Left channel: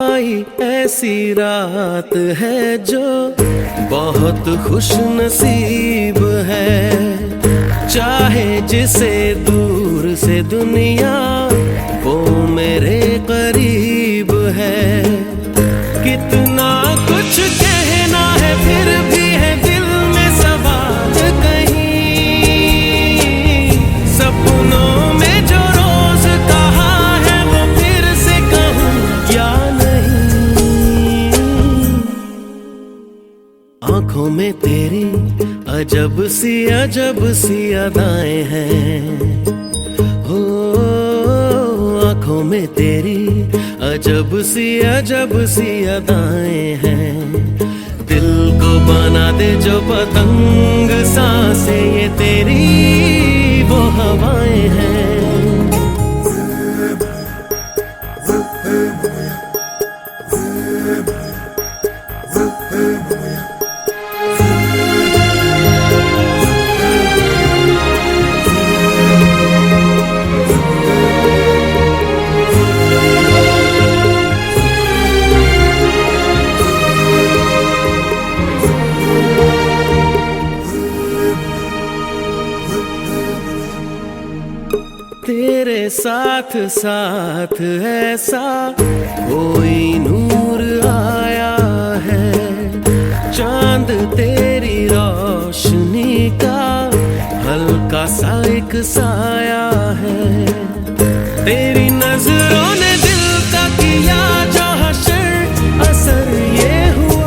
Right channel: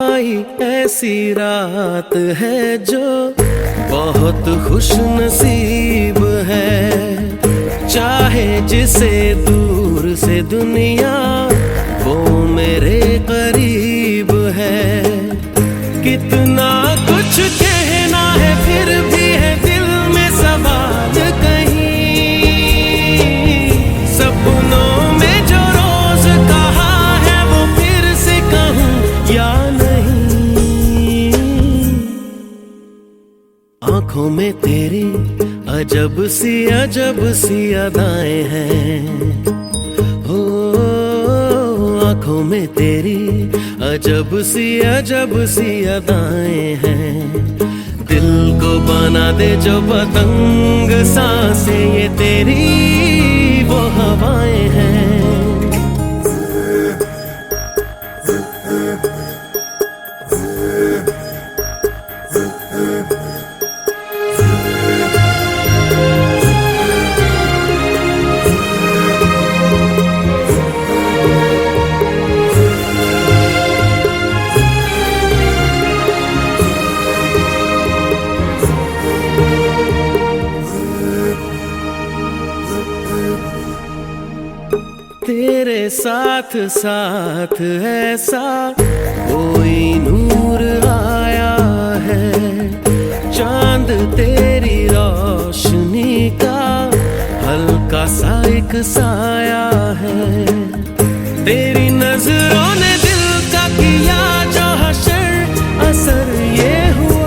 आई ऐसी रात है जो बहुत खुश नसीब है। चाहे जिसे दूर से दुनिया वो मेरे करीब है। कितना कुछ कहना है फिर भी है दिल में सवाल कहीं। सपनों में जो रोज कहा है वो फिर से कहूँ या नहीं। आंखों में तेरी अजब सी अदाएं हैं। हो आंखों में तेरी अजब सी अदाएं हैं। दिल को बना दे जो पतंग सांसें ये तेरी वो हवाएं हैं। तेरे साथ साथ ऐसा कोई नूर आया है। चांद तेरी रोशनी का हल्का सा एक साया है। तेरी नजरों ने दिल का किया जो हशर असर ये हुआ।